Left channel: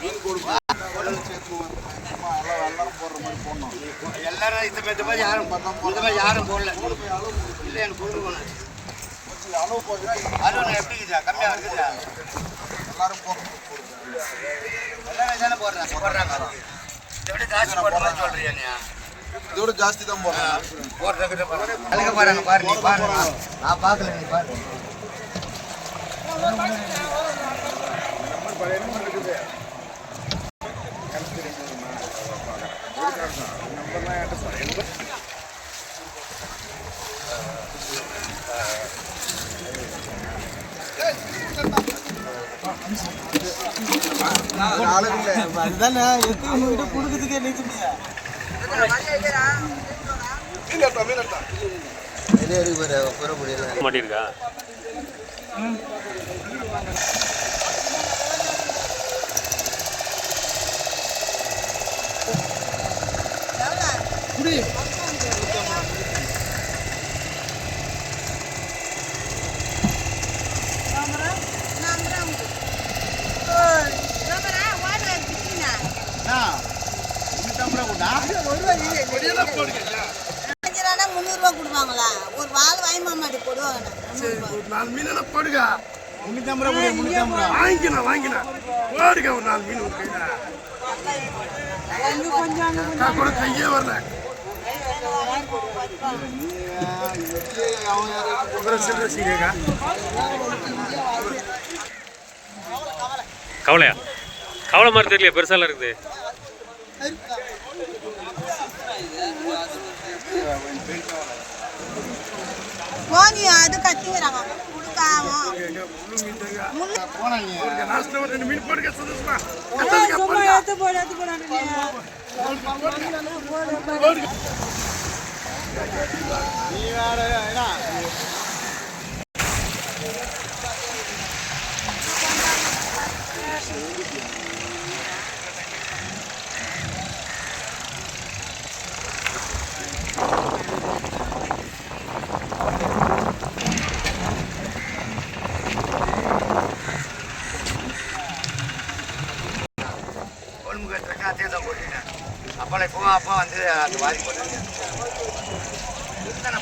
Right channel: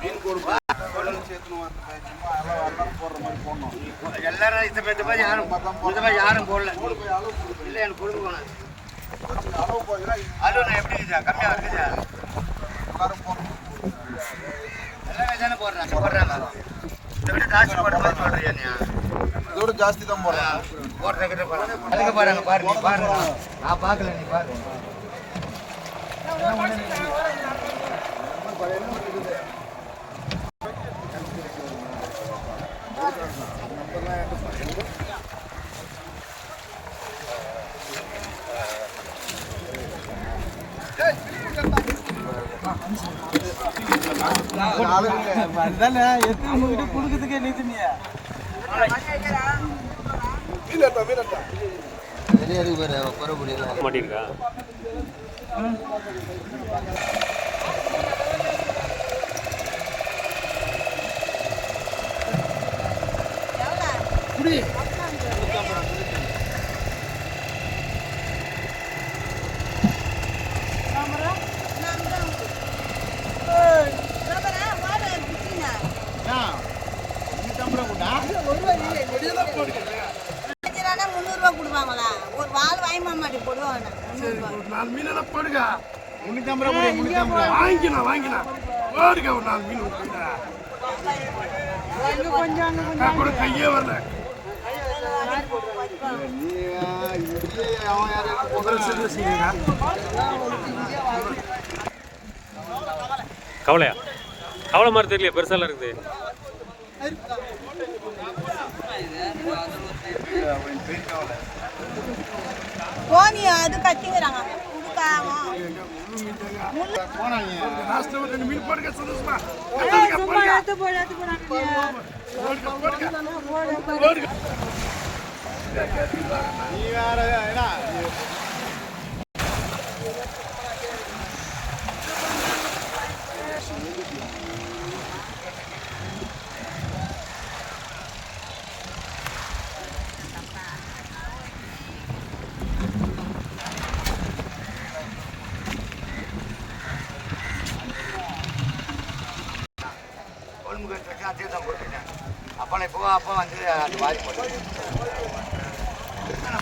மீன் கொடுப்பா எல்லாரும் இந்த மாதிரி யாரும் போடல. இல்லை எனக்கு கொடுக்க போனேன். அளவு நான் எப்படி இருக்குதா? கம்மியாக இருக்குதா? எல்லாமே தானே போடுறாங்க. இதை விட ஜாஸ்தி போடுற மாதிரி சொல்றியா நீ? இதோட ஜாஸ்தி தான் போடுறேன் அதுக்கு பாருங்க. பாரு நீ பாரு, நான் பார்க்கல, நீ பாரு. இருக்குது கொடுக்குறதுக்கே நினைச்சுனியா மாட்டிருக்கா? ₹300 கொடுப்பாங்களா? ஒரு வாழை வாங்கி மாட்டி போடுவாங்க. 4 மீன் போடுங்க. 350 வாங்கிக்கலாம். போடுங்க ஒரு 4 மீன் கொஞ்சம் கையே வரல. கவலையா? கவலை மாதிரி தெரியல, பெருசாலாம் இருக்குது. போனி அது கத்திங்கிறாங்க அப்போ வந்து அந்த மாதிரி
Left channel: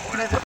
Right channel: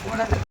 போட்டு